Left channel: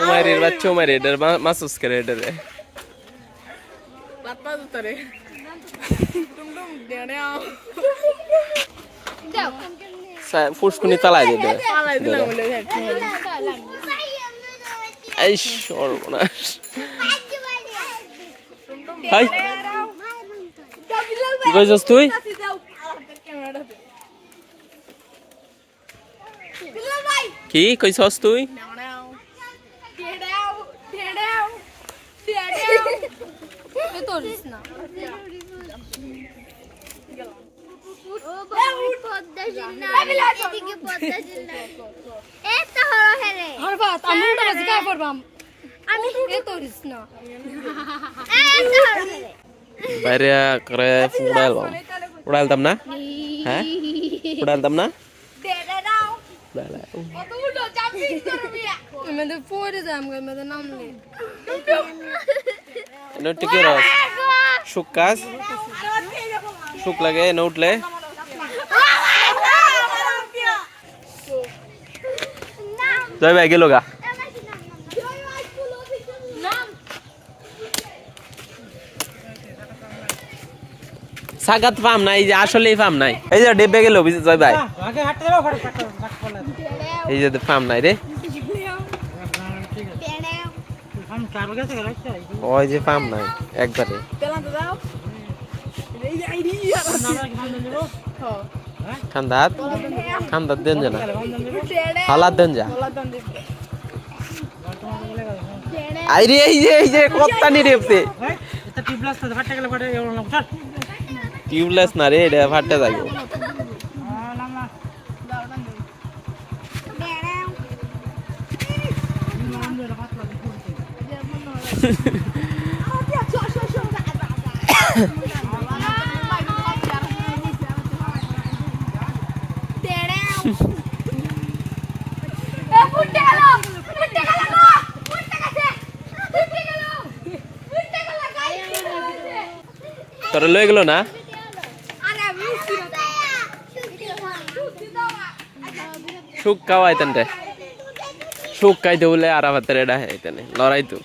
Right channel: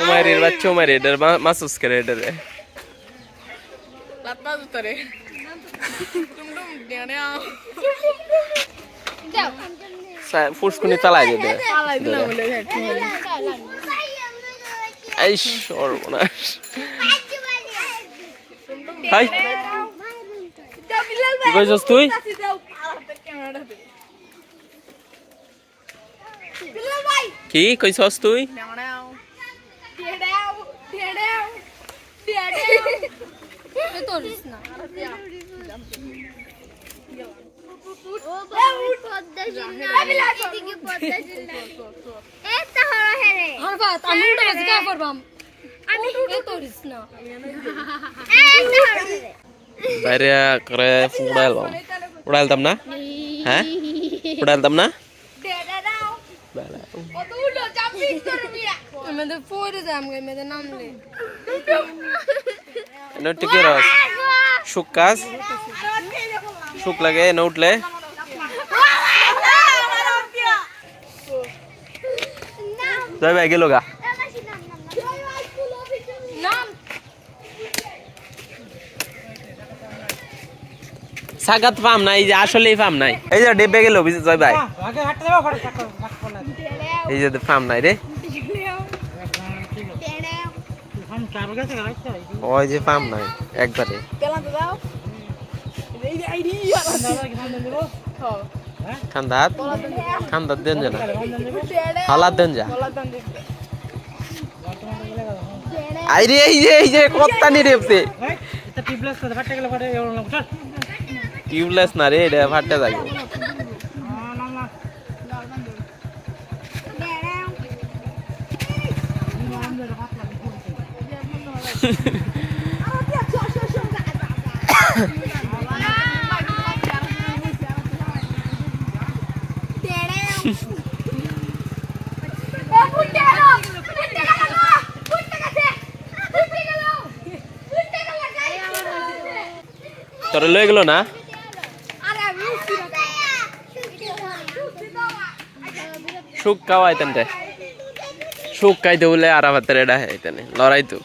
উমাইরের বাচ্চা উমাইর এটার মাসুস করে এটারে বাপ্পা দুতরে টুমটুম দেড়ে ফুসকুনি চালাই দিতে পালাই দিলাম বলে এই সর্বনাশ হাই কি কইছস তুই কি কইছস তুই বাইরে করে উড়াইলাম না হ্যাঁ উড়াইলাম না সুখ কাজ সুখ লাগে না উঠলে জয় ভাই গেল গা সাগাত ফার্ম নাই যে আসলেই ফার্ম নাই এই যে ডেবে গেল জয় ভাই এই যে ফার্ম নাই রে ওই যে ফার্ম নাই একবারে খান্দাত খান্দাত দেন যা না হালাত দেন যা আইরে এই যে কপ্তানি রেপছে টিউবলেস না রে এটা ফাটে যাবে তোরা লয়ে গেল না সুখ খাওয়াইতেন সুখ খাইতে বলে আর আবার লড়াই তো